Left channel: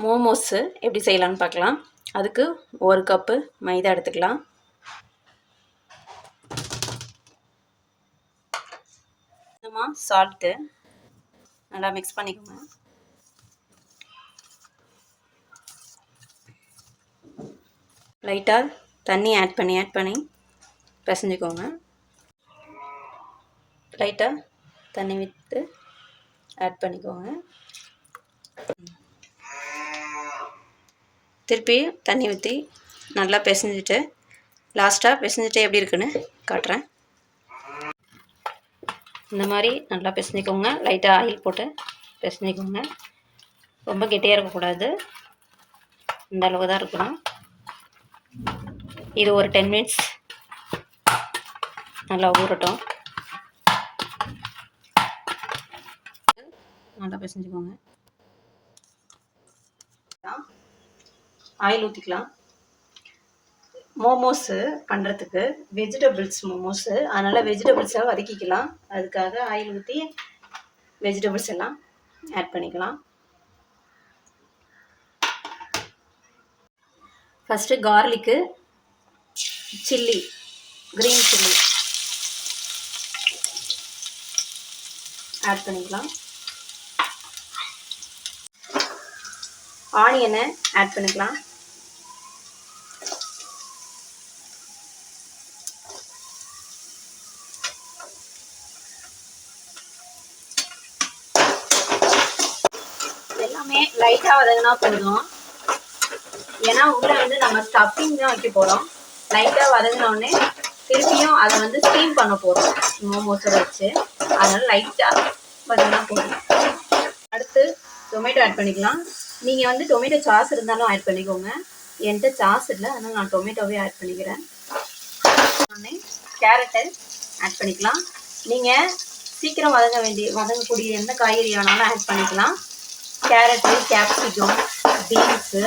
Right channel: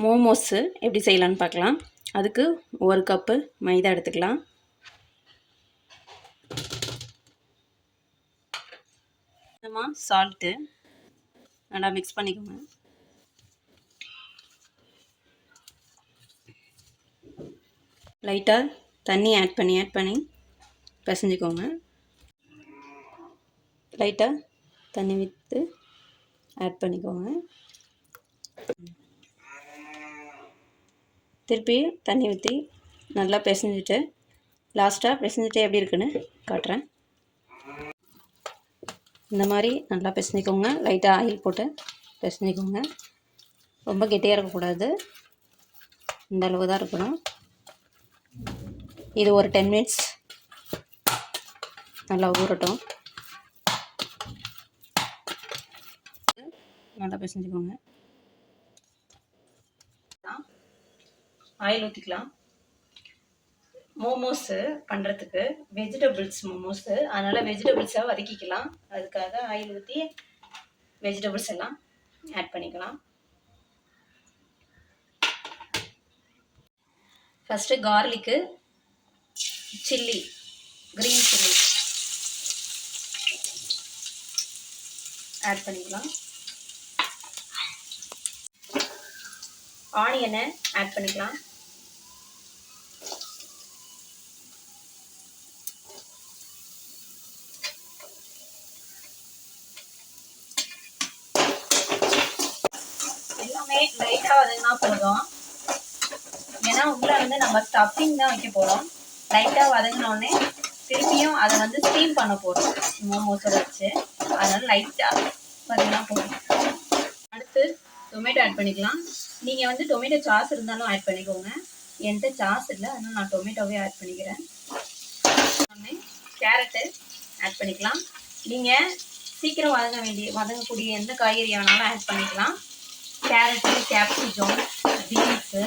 மோமோஸு எப்படி செய்யலான்னு பார்க்கலாம். அதுக்கு 1 கப்பு மைதா எடுத்துக்கலாம். சால்ட்டு நல்லா மிக்ஸ் பண்ணிக்கோங்க. லைட்டாக தண்ணி ஆட் பண்ணி பிசைஞ்சுக்கோங்க. லைட்டாக தண்ணி விட்டு ஆட் பண்ணிக்கோங்க. திருப்பி தண்ணி ஊற்றி நல்லா பிசைஞ்சிட்டு லாஸ்ட்டாக பிசைஞ்சிட்டு எப்படி இருக்குன்னு காட்டுறேன். இந்த மாதிரி நல்லா பிசைஞ்சிக்கோங்க. லைட்டாக ஆயில் போட்டு பிசைஞ்சிக்கோங்க. ரொம்ப கெட்டியாக இருக்கக்கூடாது, இந்த அளவு தான் இருக்கணும். இது ஒரு 10 மினிட்ஸ் நல்லா ஊறட்டும். நல்லா பிசைஞ்சுக்கோங்க. ஆயில் ஊற்றிக்கலாம். மோமோஸு பண்ணுறதுக்கு வெஜிடபிள்ஸ் மோமோஸு, அதனால் வெஜிடபிள்ஸை வதக்கிக்கலாம். அதுக்காக ஆயில் ஊற்றி வெஜிடபிள்ஸ் எல்லாம் ஆட் பண்ணிக்கலாம். First garlic, chilli, green chilli add பண்ணிக்கலாம். ஆனியனை ஆட் பண்ணிக்கலாம். எல்லாமே லைட்டாக வதங்கினா போதும். ஏன்னா உள்ளே வந்து நம்ம ஸ்டஃபிங் தான் வைக்க போகிறோம். லைட்டாக வதங்கினோடனே திருப்பியும் அதை வந்து ஸ்டீம் பண்ண போகிறோம் மோமோஸை வச்சு. அதனால் லைட்டாக வதங்கினா போதும். அடுத்து டொமேட்டோ ஆட் பண்ணிக்கலாம். நீங்கள் வந்து டொமேட்டோ சாஸ் இருந்தாலும் ஆட் பண்ணிக்கோங்க. என்கிட்ட சாஸ் இல்லை, அதனால் நான் டொமேட்டோவே ஆட் பண்ணிக்கிறேன். உடனே கேரட்டை ஆட் பண்ணிக்கலாம். நீங்கள் சீக்கிரம் வதங்கக்கூடிய எந்த காய்கறி வேணாலும் ஆட் பண்ணிக்கலாம். Carrot, capsicum, beans,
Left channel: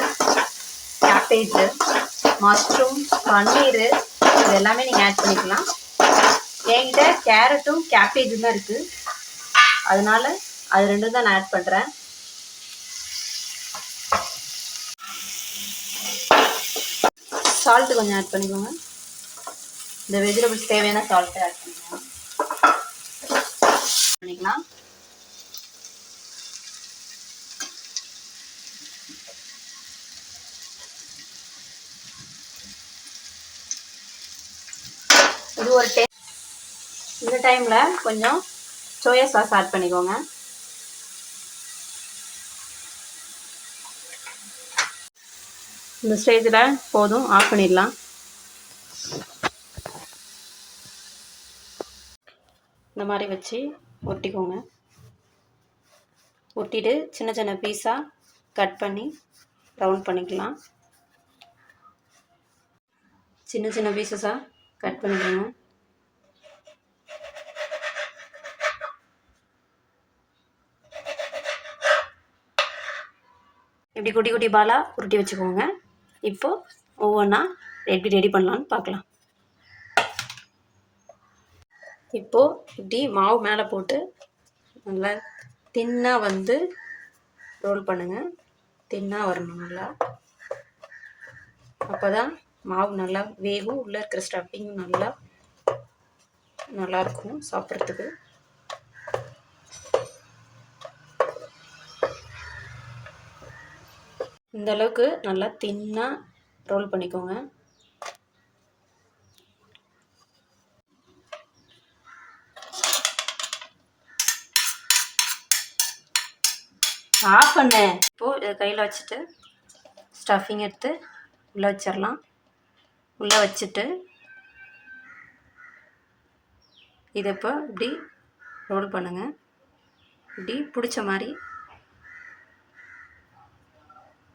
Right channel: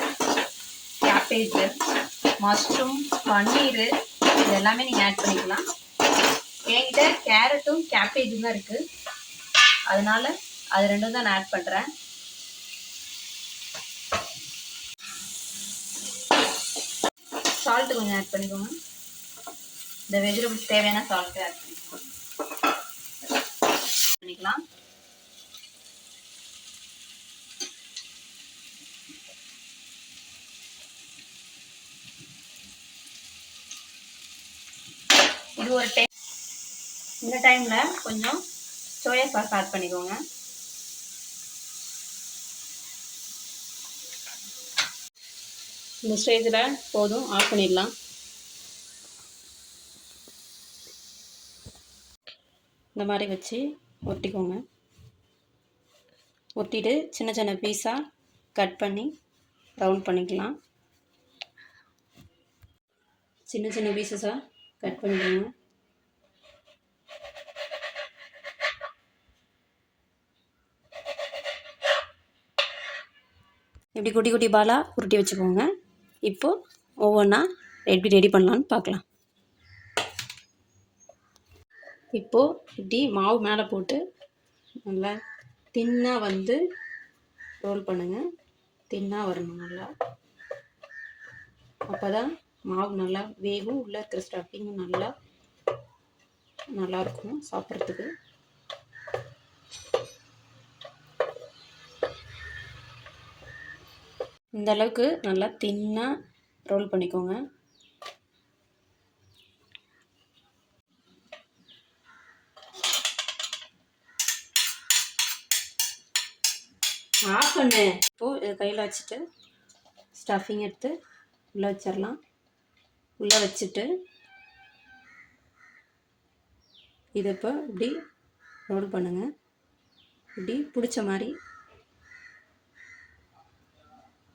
cabbage, mushroom, paneer இது எல்லாமே நீங்கள் ஆட் பண்ணிக்கலாம். என்கிட்ட கேரட்டும் கேபேஜும் தான் இருக்குது, அதனால் அது ரெண்டும் தான் நான் ஆட் பண்ணுறேன். சால்ட்டு கொஞ்சம் ஆட் பண்ணிக்கோங்க. இந்த வெஜிடபிள்ஸ் தேவையான சால்ட்டு ஆட் பண்ணிக்கலாம். இது ஒரு இந்த டைமில் கொஞ்சம் சோயா சாஸ் ஆட் பண்ணிக்கோங்க. இந்த ஸ்டேஜில் போதும், ஆஃப் பண்ணிடலாம். இந்த மாதிரி வச்சு ஒட்டிக்கோங்க. ஒட்டிட்டு சின்ன சின்ன பீஸாக கட் பண்ணி ரவுண்ட் பண்ணிக்கலாம். சின்ன சின்ன பீஸஸாக கட் பண்ணிக்கோங்க. இப்படி குட்டி குட்டி பாலாக உருட்டி வச்சுக்கோங்க. இப்போது ஒவ்வொன்றா எப்படி ரெடி பண்ணலான்னு பார்க்கலாம். இப்போது இப்படி மாவு மேலே போட்டு நல்லா தின்னாக வந்து ரோல் பண்ணுங்கள். தின்னாக வரணும் நல்லா, அப்போ தான் மாவு நல்லா வேகும், உள்ளே இருக்கிற ஸ்டஃபிங்கும் நல்லாயிருக்கும் சாப்பிட்றதுக்கு. இந்த அளவுக்கு நல்லா தின்னாக ரோல் பண்ணிக்கோங்க. ஆஃப் பண்ணு. இப்போது இதை கையில் வச்சுட்டு ஸ்டஃபிங் எடுத்து உள்ளே வச்சிடலாம். உள்ளே வச்சுட்டு இதை இப்போ இப்படி ரோல் பண்ணுங்கள். இப்படி பிடிச்ச மாதிரி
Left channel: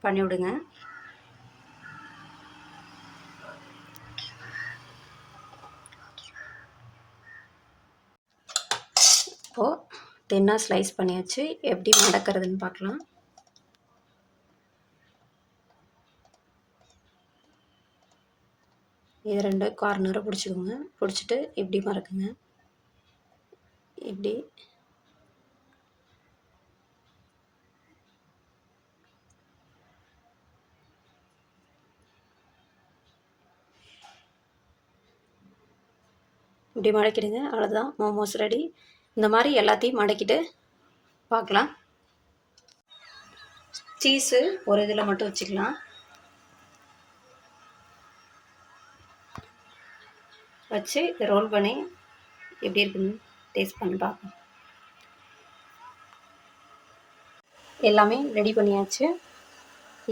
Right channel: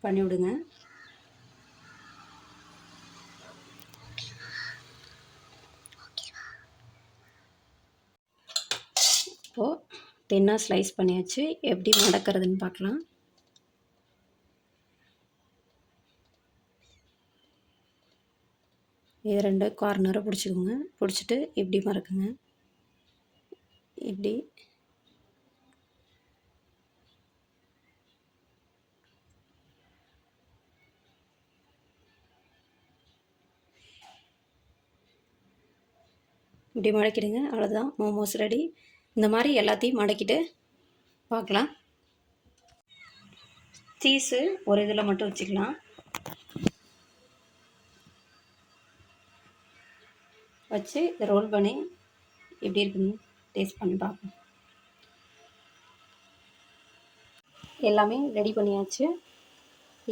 பண்ணி விடுங்க. இப்போது தின்னாக ஸ்லைஸ் பண்ணியாச்சு. எப்படி மடக்கிறதுன்னு பார்க்கலாம். இது 2 கார்னரை பிடிச்சிக்கோங்க. பிடிச்சிட்டு இப்படி மடக்குங்க. இப்படி இப்படி மடக்கிடுங்க. அவ்வளோதான், மோமோஸ் ரெடி. இந்த மாதிரி எல்லாத்தையும் மடக்கிட்டு பார்க்கலாம். சீஸு ஒரு இதில் மட்டும் வச்சுக்கலாம். வச்சு இதை ரோல் பண்ணி எப்படி இருக்குன்னு டேஸ்ட் பண்ணி பார்ப்போம். எல்லாமே ரெடி பண்ணியாச்சு.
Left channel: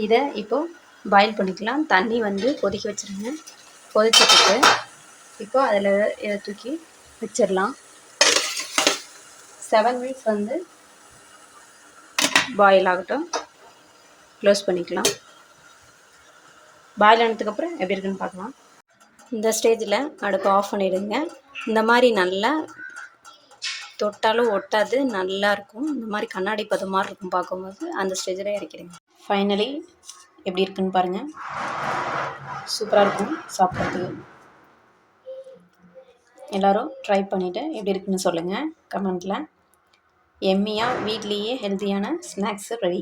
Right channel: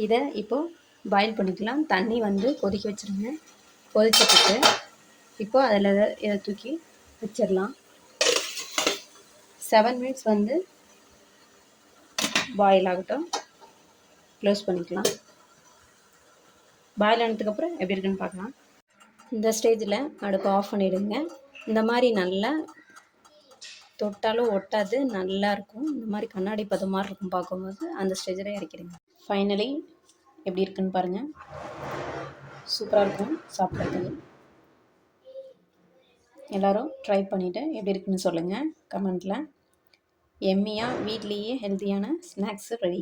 இதை இப்போது பாயில் பண்ணிக்கலாம். தண்ணி வந்து கொதிக்க வச்சுருங்க. கொதிச்சுட்டு இப்போ அதில் இதை தூக்கி வச்சிடலாம். 7 மினிட்ஸ் வந்து பாயில் ஆகட்டும். க்ளோஸ் பண்ணிக்கலாம். பாயில் ஆனதுக்கப்புறம் எப்படி இருக்குன்னு பார்க்கலாம். இந்த ஸ்டேஜில் அடுப்பை ஆஃப் பண்ணிவிடுங்க. இந்த மாதிரி நல்லா தொட்டாலும் ஒட்டாது, நல்லாயிருக்கும். இந்த மாதிரி கண்ணாடி பதம் மாதிரி இருக்கும் பார்க்கும்போது. அந்த ஸ்டேஜில் இறக்கிடுங்க. ஃபைனலி எப்படி இருக்குன்னு பாருங்கள். சூப்பராக இருக்கும் சாப்பிட்றதுக்கு. எல்லோரும் ட்ரை பண்ணிவிட்டு எப்படி இருக்குன்னு சொல்லுங்கள் கமெண்ட்டில். எம்மியாக வீட்லேயே ஹெல்த்தியான ஸ்நாக்ஸு ரெடி.